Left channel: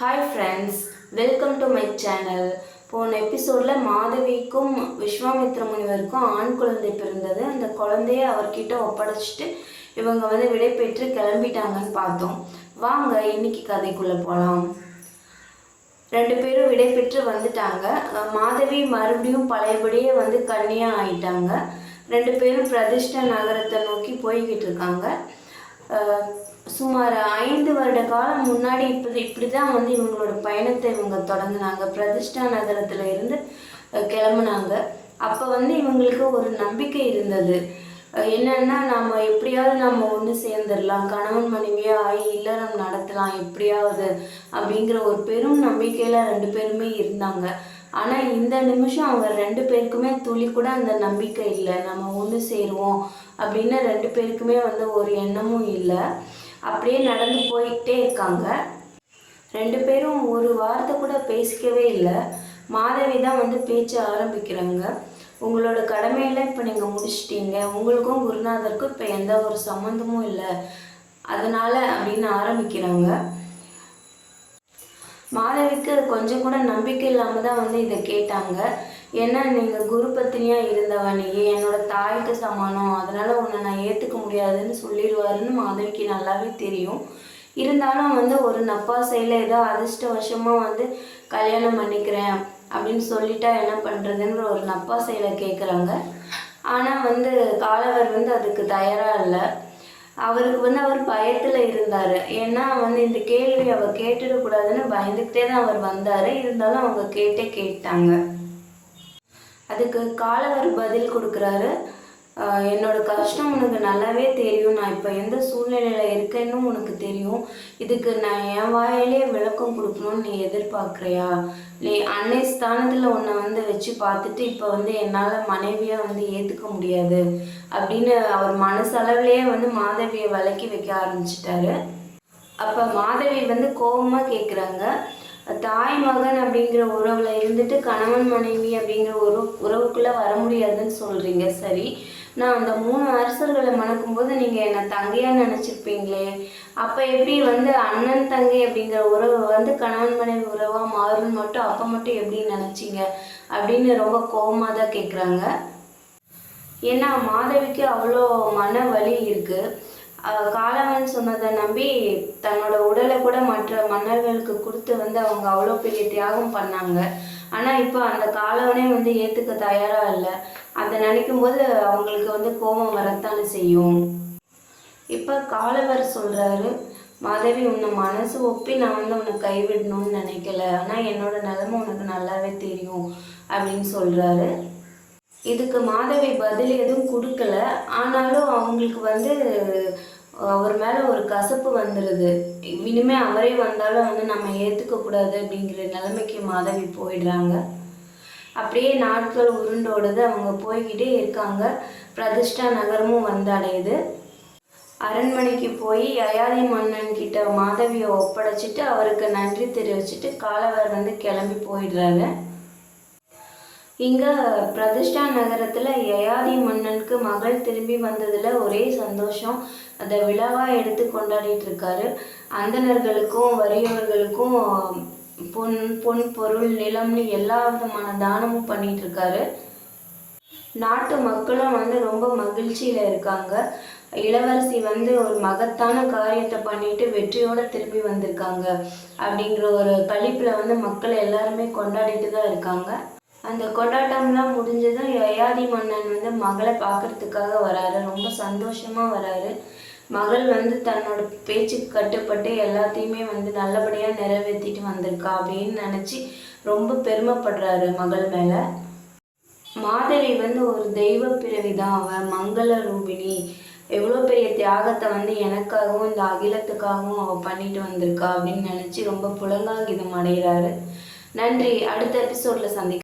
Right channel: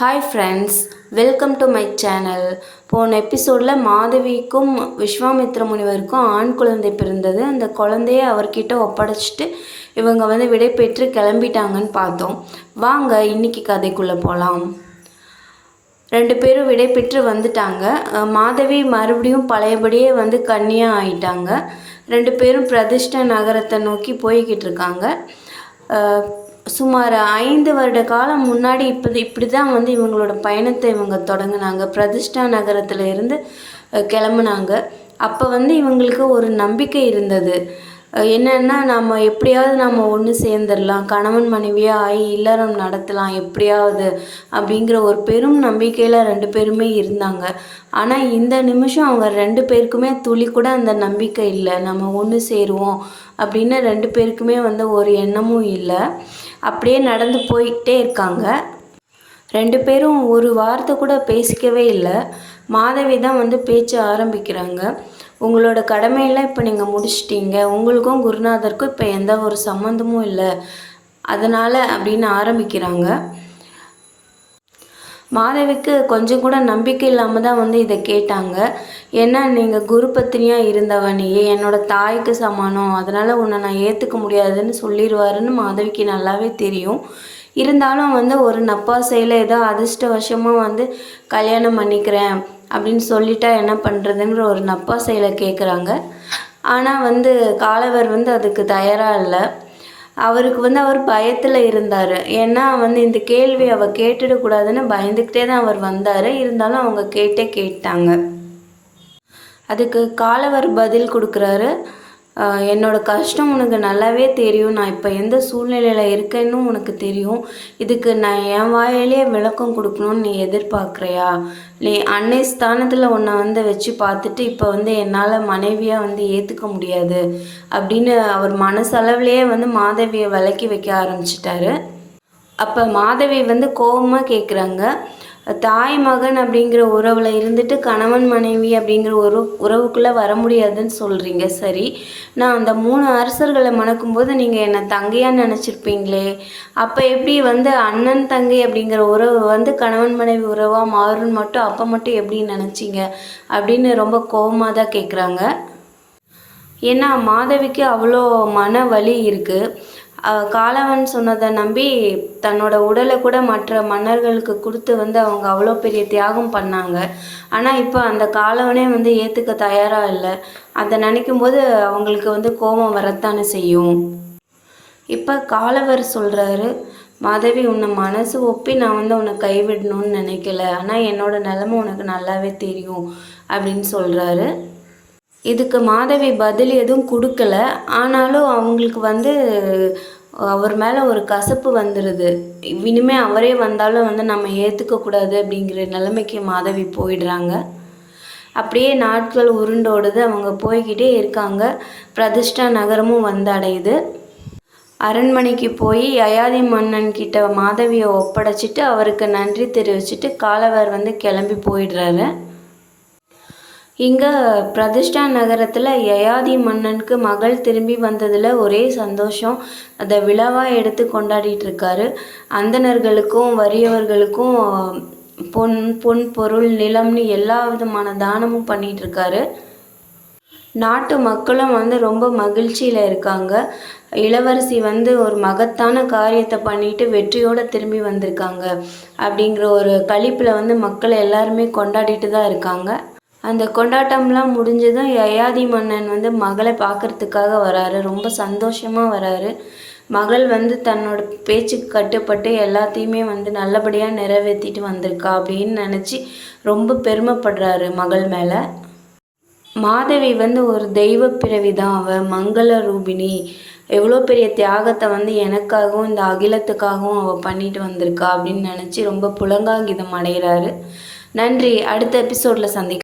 Hi friends, welcome to my channel. போன எபிசோடில் மாதவிக்கும் விஸ்வாமித்ர முனிவருக்கும் ஆண் குழந்தை பிறந்தது. அந்த குழந்தைய அவர்கிட்ட ஒப்படைச்சிட்டு இவங்க விடை பெற்று கிளம்பிட்டாங்கன்னு பார்த்தோம். வாங்க இன்னைக்கு கதைக்குள்ளே போகலாம். 2 பேரும் விடை பெற்று வந்துட்டாங்க. மாதவி மறுபடியும் பழையபடியே கன்னியாக ஆயிட்டாங்க. 2 பேரும் பிரதிஷ்டா நகரத்தை நோக்கி போய்கிட்டு இருக்காங்க. சுமார் 5 வருட காலம் முன்னாடி இப்படி தான் இவங்களோட பயணத்தை இவங்க தொடங்கினாங்க. பிரதிஷ்டா நகரத்தில் இருந்து கிளம்புனாங்க. அப்போ இவங்களுக்கு ஒரு நம்பிக்கை இருந்தது. என்னென்னா, நம்ம எப்படியாவது நம்ம ஒன்று சேர்ந்துடலாம், கணவன் மனைவியாக ஆகி இல்லறம் நடத்தலாம் எப்படியாவது அப்படிங்கிற ஒரு பெரும் நம்பிக்கையில் 2 பேருமே இருந்தாங்க. ஆனால் இந்த நிமிஷம் அவங்க 2 பேருக்குமே துளி கூட அந்த நம்பிக்கை இல்லை. நம்ம ஒன்று சேருவோம் அப்படின்னு 2 பேருக்குமே ஒரு எண்ணமும் இல்லை. அப்படியே நடந்து போய்கிட்டே இருக்காங்க. 2 பேரும் ஒரு வார்த்தை கூட பேசிக்கவே இல்லை. மாதவி தான் பேச்ச ஆரம்பிக்கிறாங்க. உங்களோட கடமையெல்லாம் இப்போ நீங்கள் முடிச்சிட்டீங்க, உங்களுக்கும் குருநாதருக்கும் இப்போ எந்த ஒரு சம்மந்தமும் இல்லை, அதனால் அப்படின்னு ஆரம்பிக்கிறாங்க. மாதவிக்கு கொஞ்சம் கூட நம்பிக்கை இல்லாமல் தான் இதை கேட்டாங்க. ஏன்னா, நீங்கள் குரு பத்தினியாக இருந்தவ, நீ என்னோடய தாய்க்கு சமானம், அதனால் உன்னை நான் ஏற்றுக்க முடியாதுன்னு சொல்லிடுவாருன்னு மாதவிக்கு நல்லாவே தெரியும். இருந்தாலும் ஒரு நப்பாசையில் ஏதோ அதிர்ஷ்டவசமாக கல்யாணம் பண்ணிக்கிறேன் அப்படின்னு சொல்லிட்டா என்ன பண்ணுறதுங்கிற ஒரு நப்பாசையில் கேட்குறாங்க. ஆனால் காலவர் அதுக்கு தயாராக இல்லை. அவருக்கு அவர் பயத்தில் இருந்தார். ஏன்னா இந்த கேள்வி அவள் கேட்டுடக்கூடாதுன்னு பயந்துக்கிட்டே தான் அவர் வந்தார். இருந்தாலும் அவங்க கேட்டாங்க. அதுக்கு காலவர் பதில் கொடுக்குறாரு. என்னோடய கஷ்டம் உனக்கு நல்லாவே தெரியும், நான் இப்போ எந்த சூழ்நிலையில் இருக்கேன்னு உனக்கு தெரியும். இதுக்கு நான் என் வாயிலே விளக்கம் கொடுக்கணும்னு நீ எதிர்பார்க்குறியா? நீ அன்னை ஸ்தானத்தில் உன்னை வச்சு பார்த்துட்டு இப்போ என்னால் மனைவியாக ஏற்றுக்க முடியாது அப்படின்னு அவர் மனசளவுலேயே மாதவியை விலக்கி வைக்க ஆரம்பிச்சிட்டாரு. அப்போ மாதவி கோபமாக கேட்குறாங்க, தாய் மகன் அப்படிங்கிற உறவில் இருந்துட்டு கணவன் மனைவி அப்படிங்கிற ஒரு உறவுக்குள்ளே வர முடியாதுன்னு சொல்கிறீங்க. சரி, நான் அந்த 3 அரசர்களை மணக்கும்போது நீங்கள் என்னை தங்கையாக நினச்சிருப்பீங்களே, அப்போ எப்படி அண்ணன் தங்கை அப்படிங்கிற உறவு கணவன் மனைவி உறவாக மாறுன்னு மட்டும் அப்போ மட்டும் எப்படி நினச்சிங்க அப்படின்னு ரொம்ப கோபமாக தான் கேட்குறாங்க. ஏன்னா மாதவிக்கு அவ்வளோ மன வலி இருக்குது. காலவன் சொன்னதை நம்பி தன்னோட உடலை கூட மற்ற மன்னர்களுக்கு கொடுத்து அவங்க அவ்வளோ பெரிய தியாகம் பண்ணாங்க. ஆனால் இப்போ அந்த காலவனே ஏற்றுக்க தயாராக இல்லை. அதை நினைக்கும் போது அவங்களுக்கு கோபம் வரத்தானே செய்யும். இப்போ காலவர் சொல்கிறாரு, மாதவி, உன்னை மனசு ஒப்பி நான் உன்னை கைவிடணும்னு நினைக்கல, ஆனால் என்னோட நிலைமை உனக்கு நல்லாவே தெரியும் அப்படின்னு சொல்கிறாரு. இதுக்கு மாதவி பதில் எதுவும் கொடுக்கல. ஆனாலும் அவங்களுக்கு அவர் மேலே ஒரு கசப்பு வந்துடுது. இனிமே அவரே வந்தாலும் நம்ம ஏற்றுக்கக்கூடாது அப்படிங்கிற நிலைமைக்கு மாதவி போயிடுறாங்க. அப்படியே நாட்கள் உருண்டோடுது. அவங்க போய்கிட்டே இருக்காங்க. பிரதிஷ்டா நகரமும் அடையுது. அரண்மனைக்கு போய் யயாதி மன்னன் கிட்ட மாதவியை ஒப்படைச்சிட்டு அவருக்கு நன்றி தெரிவிச்சுட்டு காலவர் கிளம்பி போயிடுறாரு. இங்கே பிரதிஷ்டா நகரத்தில் யயாதி மன்னனுக்கு மகள் திரும்பி வந்ததில் ஒரே சந்தோஷம். அதை விழாவாக எடுத்து கொண்டாடிட்டுருக்காரு. அந்தணர்களுக்கும் வறியவர்களுக்கும் பொன் பொருள் நிலம்னு எல்லா விதமான தானமும் பண்ணிகிட்ருக்காரு. நாட்டு மக்களும் ரொம்ப மகிழ்ச்சியில் இருக்காங்க. இளவரசி ஒரு மகத்தான காரியத்தை பண்ணிட்டு வெற்றியோடு திரும்பி வந்திருக்காங்க அப்படிங்கிற ஒரு களிப்பில் மக்கள் எல்லாருமே கொண்டாடிட்டு தான் இருக்காங்க. அந்த கொண்டாட்டம்லாம் முடிஞ்சதும் யயாதி மன்னன் மகளை பார்க்குறதுக்காக வராரு. ரொம்ப சந்தோஷமாக வராரு. மகள் தன்னோட பேச்சுக்கு கட்டுப்பட்டு எல்லாத்தையுமே நல்லபடியாக நிறைவேற்றிட்டு வந்திருக்கா அப்படின்னு நினச்சி ரொம்ப பெருமைப்படுறாரு மகள் மேலே. மாதவி ஒரு தெய்வ பிறவி தான். அவள் மங்கள ரூபிணி. எவ்வளோ பெரிய தியாகத்தை எனக்காகவும் இந்த அகிலத்துக்காகவும் அவள் பண்ணிட்டு வந்திருக்கா அப்படின்னு நினச்சி ரொம்ப புலங்காங்கிதம் அடைகிறாரு. நன்றி. அடுத்த எபிசோடில் சந்திக்கலாம்.